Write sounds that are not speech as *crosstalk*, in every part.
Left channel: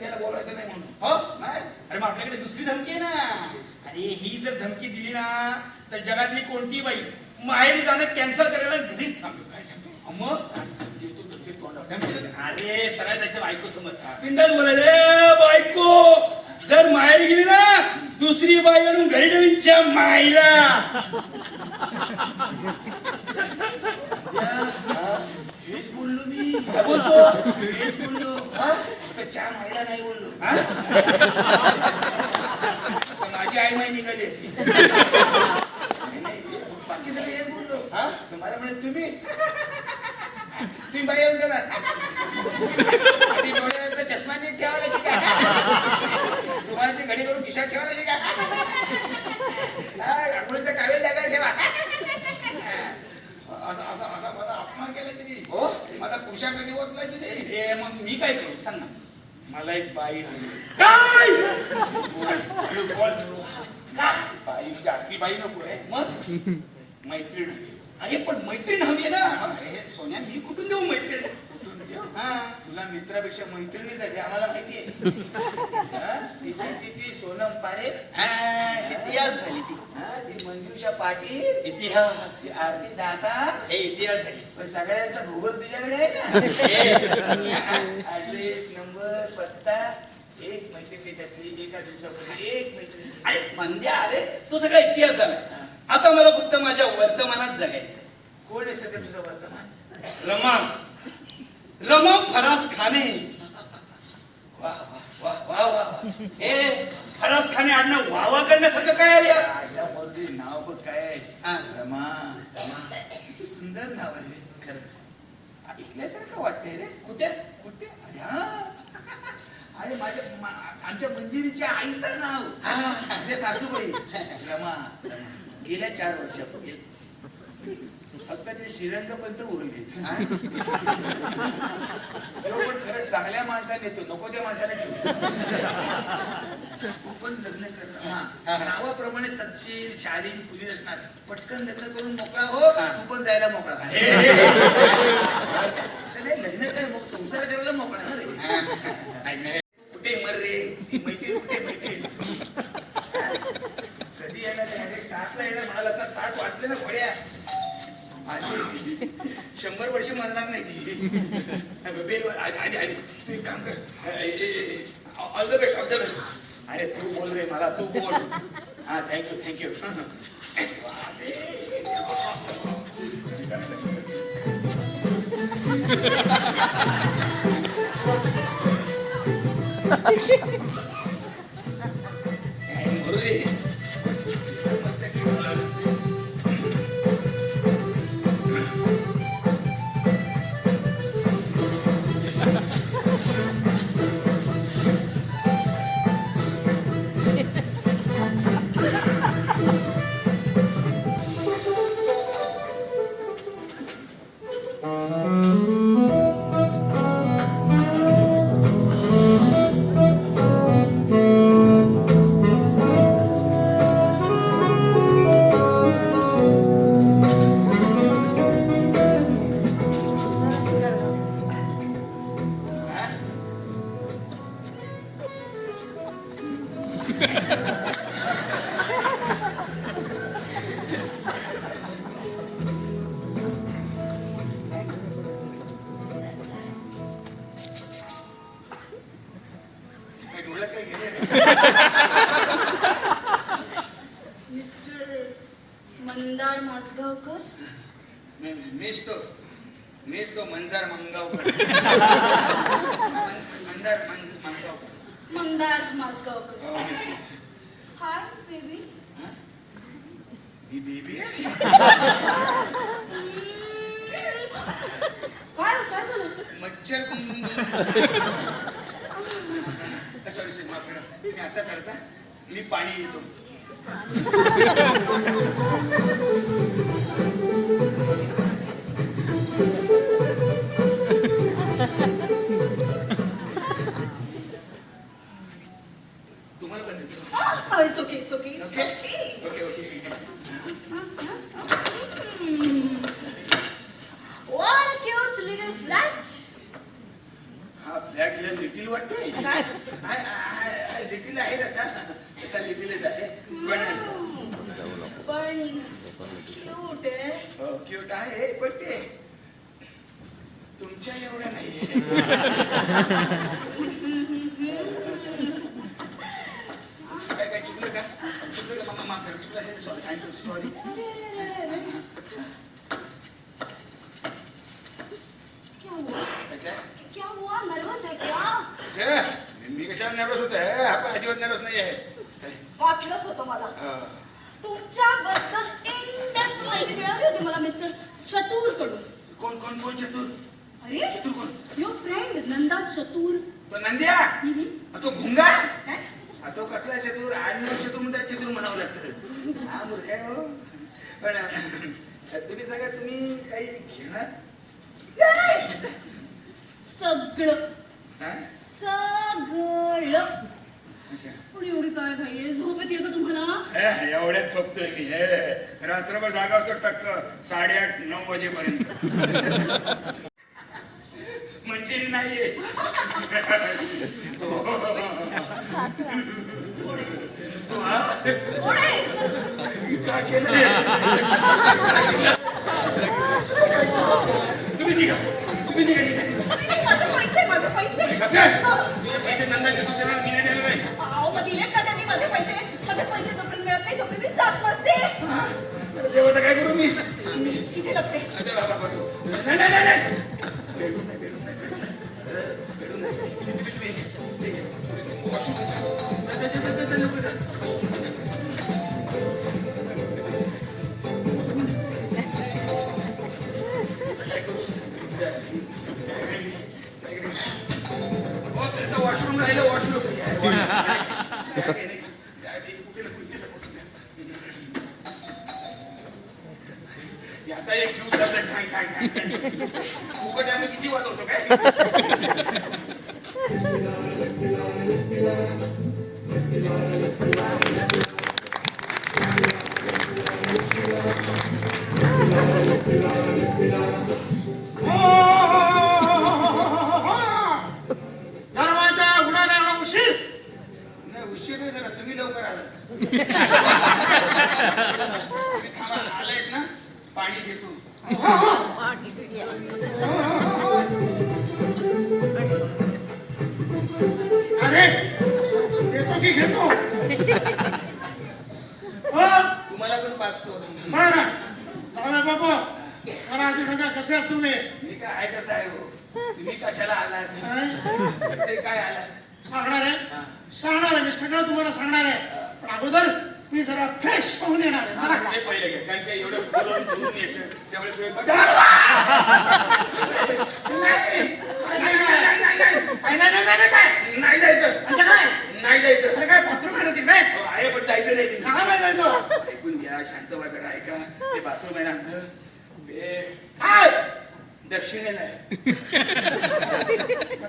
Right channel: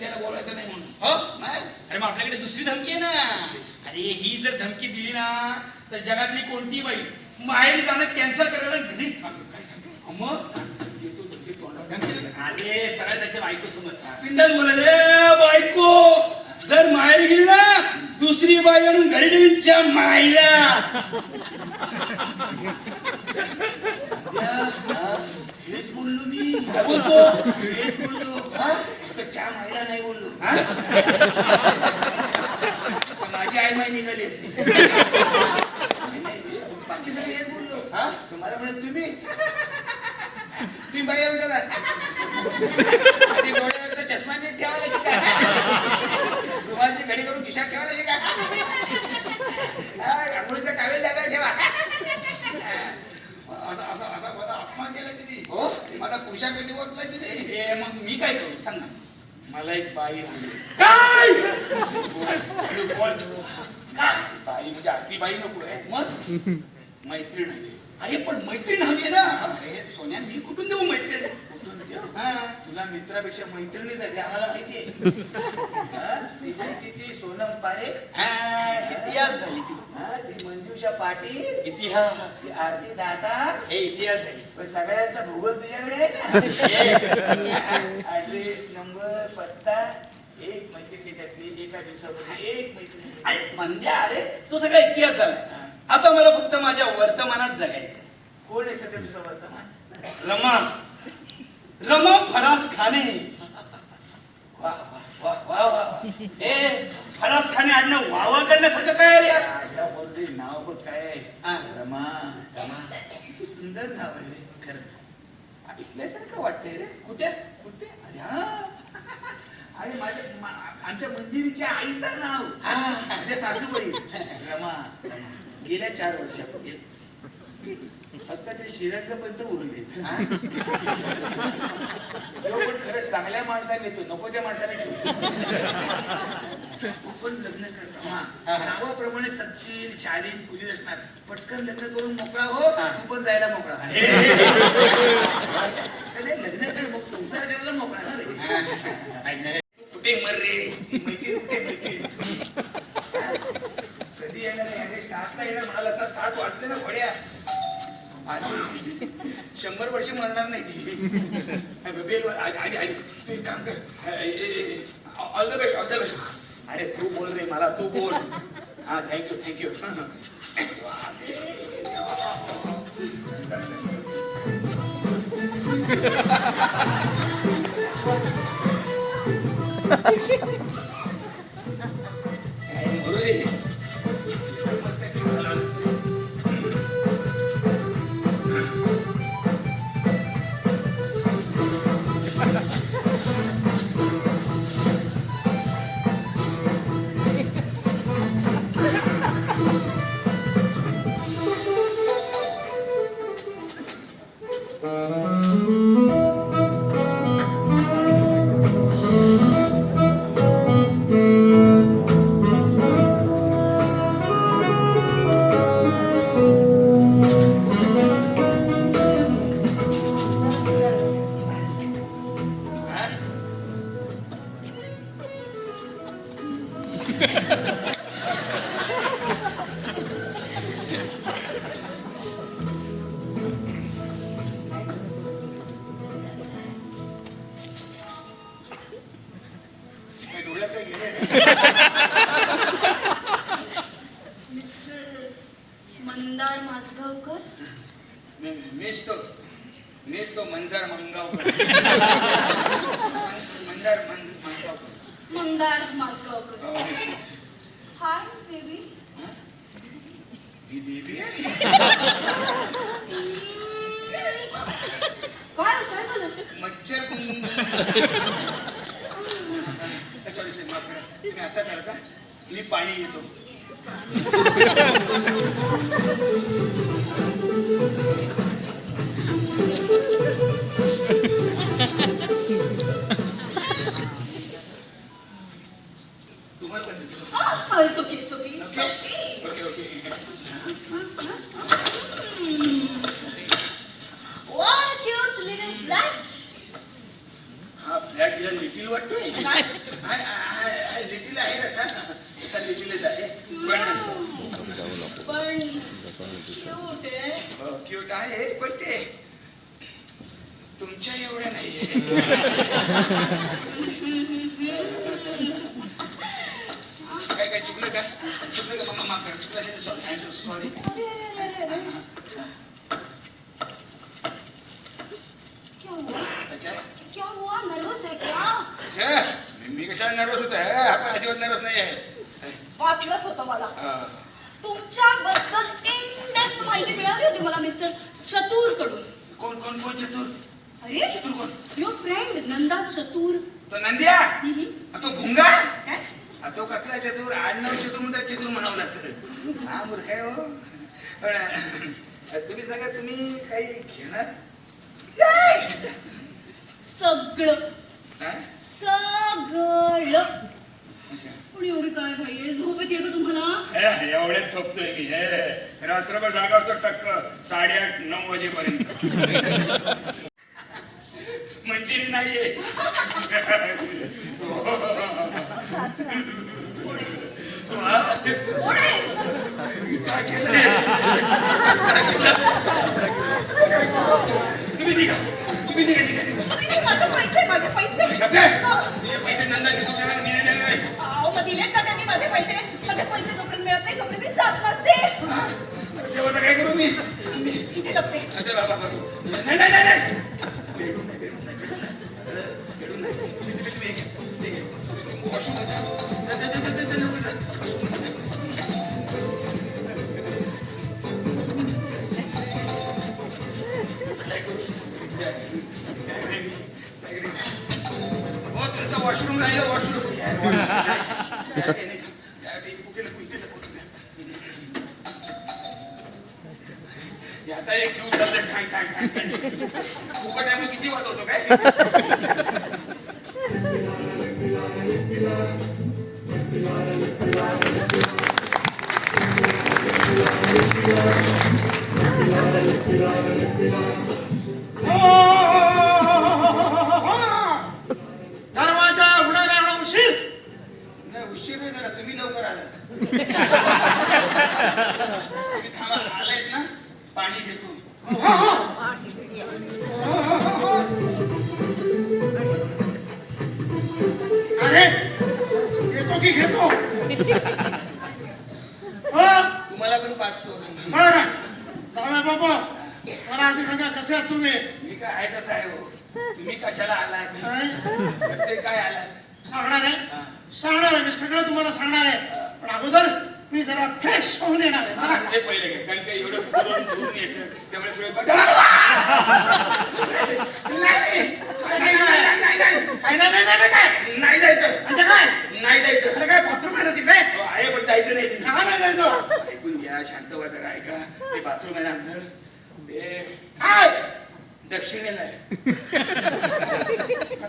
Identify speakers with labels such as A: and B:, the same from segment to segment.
A: त्याला बोलायचं नाही म्हणून.
B: हो?
A: नाही?
B: अरे मग आपल्याकडे दुसरी धमकी आहे ना. अरे ही जर धमकी दिली ना तर जगातली कोणती बाई माहेरी जाणं कॅन्सल करायला घरीच थांबेल.
A: काय सांगतो?
B: मग
A: धमकी.
B: अरे सगळ्या त्याच्या बायको समज बिंदास बोलायचं "ए, बायको. जर माहेरी गेली ना दुसरी बाई आणून घरी ठेवीच्या माईला
A: हेच बोललो मी.
B: बोलतो?
A: हेच बोललो. चहा मायला नाही बोललो.
B: हा? *laughs*
A: माझी आई माई निघाली असती. बाकी सगळे हेच बोललो.
B: हा?
A: तुम्हाला म्हणे तुम्ही? तुम्ही बाई ठेवा आधी डोळ्यावरचा चष्मा नीट ठेवायला शिका. रुमालाची घडी करून खिशात ठेवायला शिका. रांगोळीचा टावेल जागा ठेवा. असा असा असा माझा अपमान केला तिने.
B: हो?
A: मला पुरुषाकडे ओतलाय तिने.
B: मग मी काय करू? सांग ना.
A: मला एक बाई हवी.
B: काय?
A: बाई म्हणजे आधी बाई नको आहे
B: मग?
A: मैत्रीण हवी.
B: अरे पण मैत्रीण हवी आहे ना. अरे सोन्या मी कुठून देऊ मैत्रीण? हा
A: तुला मित्रापेक्षा मैत्रिणीच आहे ते आम्हाला माहिती आहे. हा? तिची ती ती सोनम पारेख
B: हा, इतिहास झाली ती.
A: हा, ती मंजुषा पाटील.
B: इतिहास.
A: आरती दाता.
B: हे इतिहास झाली.
A: पण सगळ्यांचा भूगोल तुझ्याकडे आहे ना ऍड्रेस नंबर पत्ता. एक मैत्रिणी त्यातली एका दिवसापूर्वी एक मैत्रिणी
B: अरे मंद्या अरे तो सगळा इतिहास झाला. आता मला फक्त माझ्या वर्तमानात जगायचं
A: कोण आहे सध्या तुझं वर्तमान?
B: रमा रमा फरास खाने.
A: वा वा वा वा वा.
B: ए फरास खाने आडणं वावा करण्यासारखं काय आहे रे? यार?
A: मुलगी नाव बघ काय आहे?
B: हा.
A: रमा रमा. किती सुंदर नाव आहे रे. खरंच. ऐकल्यासारखं वाटतंय रे. कुठे? कुठे? अरे हा. अरे माझ्या मा- आमच्या मंजिरीच्या आईचं नाव. हा. माझ्या सासूबाई. रमा. गेल्या चार वर्षापूर्वी. फक्त ते श्रीरंग पर्यंत उरले चांगल्या माणसाने येतो नको त्या माणसाला ठेवतो तू पण लग्न कर रमा. नावाप्रमाणे सत्शील शालीन खुली असणार पटकन लग्न करून मोकळा हो तू पण जायला मोकळा. *laughs* नाही लग्न कर मग संसार करायला मोकळा तू कुठे मर रे? ती मैत्रीण कुठे मैत्रीण? कधी येणार आहे? अरे सातला येणार म्हणाला आता सात वाटले ना घोड्या. शंभर वर्ष मरणार नाही ती. बेल आली आली तू एक काम कर. All the best all the best अरे तू बोल रे मला तू बोल. हा थँक्यू थँक्यू Ha हा? *laughs*
C: मंदार मासगावकर?
B: मी- मीच तो. मीच तो मंजार मंगावकर. मन- मंदार मंज- मंगावकर.
C: मंदार मासगावकर.
B: हो, मीच.
C: Hi baby.
B: ही? बेबी आहे?
C: काय काय झालं?
B: मच्छर कुंकुम सॉरी सॉरी माफ करा. तुम्ही आता सरता मी पाणी घेतो. तुम्हाला पण देतो.
C: It's okay it's okay
B: okay okay okay
C: What a cute little flat.
B: हा फ्लॅट हिला लिटिल वाटतोय
C: काय
A: हाय, हाय, हाय, लिटिल आहे तसा तसा लिटिलच आहे. पण
C: पण क्यूट आहे.
A: क्यूट आहे पण ते तुमच्या एवढ्या नाहीये. काय काय चुकलं का? चुकलं का? मम्मा माफ कर. चुकलं असेल सॉरी आय एम सॉरी
C: अरे अरे अरे अरे क्या हुआ? क्या हुआ? नर्वस है क्या?
A: मी कशाला नर्वस होत आहे आपण अजिबात नर्वस नाही आहे
C: वाटलंच होतं मला. तुमच्याबद्दल इंडेप्थ माहिती मिळाली होती मला मिस्टर चतुरकडून
A: कोण कोण कोण चतुर?
C: अरे
A: चतुर कोण?
C: युअर फ्रेंड नंदा चतुर.
A: तो नंद्या? तो भुंगा? तो कसला चतुर? आडनाव चतुर म्हणतात चतुर म्हणावं लागतं. हा मूर्ख आहे हो. पण तुम्ही सांगा तुम्ही काही घेणार?
C: सगळं? सगळं. पण एवढी काय घाई झोपेत येतं तुम्हाला?
A: ए, एवढ्यात झोपतोय मी. हे रात्रभर जागा असतो टक्क साडेआठ नऊ वाजेपर्यंत. मंजिरी नाहीये.
C: कोण आहे?
A: काय केलं रे? तुम्ही निघा. तुम्ही निघा. निघा.
C: अरे, माझे पैसे माझे पैसे. मिळत नाही तोपर्यंत मी जात नसते.
A: हा? अरे देवाचं काय करू मी?
C: इथे लपते
A: अच्छा बाबा नाही नाही नाही नाही. बेडून नाही बेडून नाही. बेडून नाही. अ, बेडून *laughs* नाही तुम्ही तुम्ही तुम्ही हे घ्या. ते घ्या. फुकट आहे म्हणून किती वाजवतो काय
D: दरवाजा उघडायला एवढा उशीर.
A: नाही उशीर नाही झाला तुम्ही लवकर आलात. *laughs* तुम्ही थांबा आलायत ना? पाणी घेतो.
D: अरे घेतो की घेतो?
A: तुम्हाला पण पाचतो
D: बरं. जाऊया बाबा मला आधी सांगा कसे आहात तुम्ही?
A: मी काय आहे कसं आहे हो. तुम्ही कशाला आलात?
D: काय?
A: कसे काय आलात?
D: सांगणार आहे? सांगणार आहे मी सगळं तुम्हाला सांगणार आहे. पण अगोदर मी जरा फ्रेश होऊन येणार आहे जरा.
A: ते पहिले घे कारण काय एवढं बोलून धुवून यायचं त्यामुळे तुम्ही बघा. नाही
D: नाही
A: नाही, नाही, नाही,
D: काय नाही नाही नाही काय?
A: नाही जायचं.
D: म्हणजे काय?
A: नाही जायचं.
D: अरे काय बाथरूम आहे ना तिकडे?
A: हो, आहे पण जायचं नाही तिथे.
D: का नाही जायचं?
A: ऐकून घ्या शांत व्हा जरा ऐका. ते बाथरूम आहे ना आमचं. ते
D: काय?
A: दक्षिणेला आहे.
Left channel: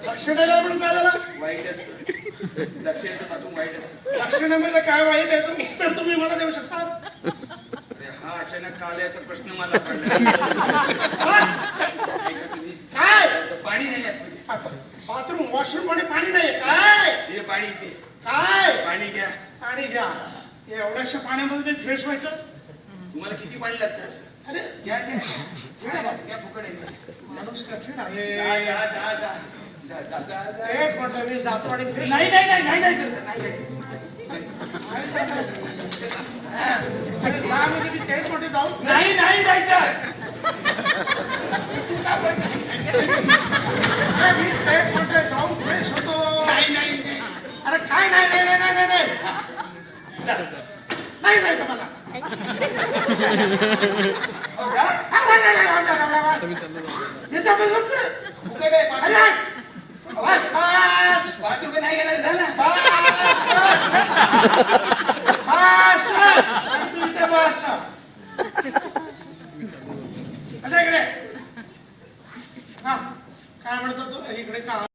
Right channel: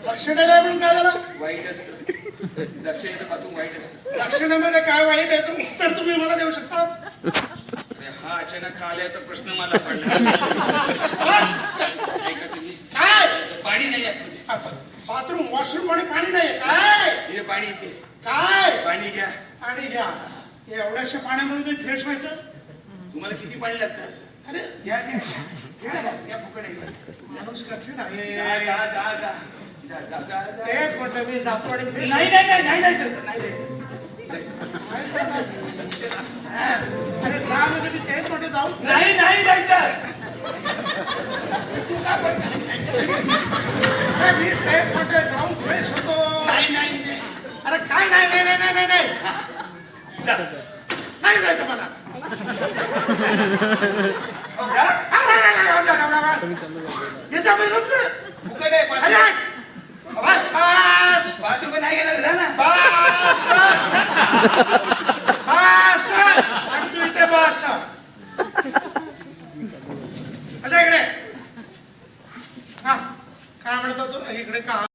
D: दक्षिणेला म्हणून काय झालं?
A: वाईट असतं. दक्षिणेचं बाथरूम वाईट असतं.
D: दक्षिणेमध्ये काय वाईट आहे याचं उत्तर तुम्ही मला देऊ शकता?
A: हा अचानक काल्याचा प्रश्न मला पडला.
D: काय?
A: ऐका तुम्ही.
D: काय?
A: तर पाणी नाही आतमध्ये
D: बाथरूम वॉशरूममध्ये पाणी नाही काय?
A: हे पाणी इथे
D: काय?
A: पाणी घ्या.
D: पाणी घ्या. एवढ्याशा पाण्यामध्ये मी फ्रेश व्हायचं?
A: तुम्हाला किती पाणी लागतं असं?
D: अरे.
A: घ्या घ्या. घ्या घ्या, घ्या फुकट आहे घ्या.
D: माणूस कठीण आहे.
A: जा जा जा जा.
D: तेच म्हटलं मी फ्रेश
A: नाही नाही नाही नाही जायचं नाही जायचं
D: अरे जा म्हणजे मी तेच म्हटलं जाऊ
A: नाही नाही जायचं
D: मी तेच म्हटलं जाऊन फ्रेश होतो
A: नाही नाही नाही
D: अरे काय नाही नाही नाही नाही नाही जायचं मला
A: हो.
D: अरे बस बस
A: रुपये नाही जा ना
D: बस बस आणि तू इथे बस असं इकडे हा काय म्हणत होतो इकडे का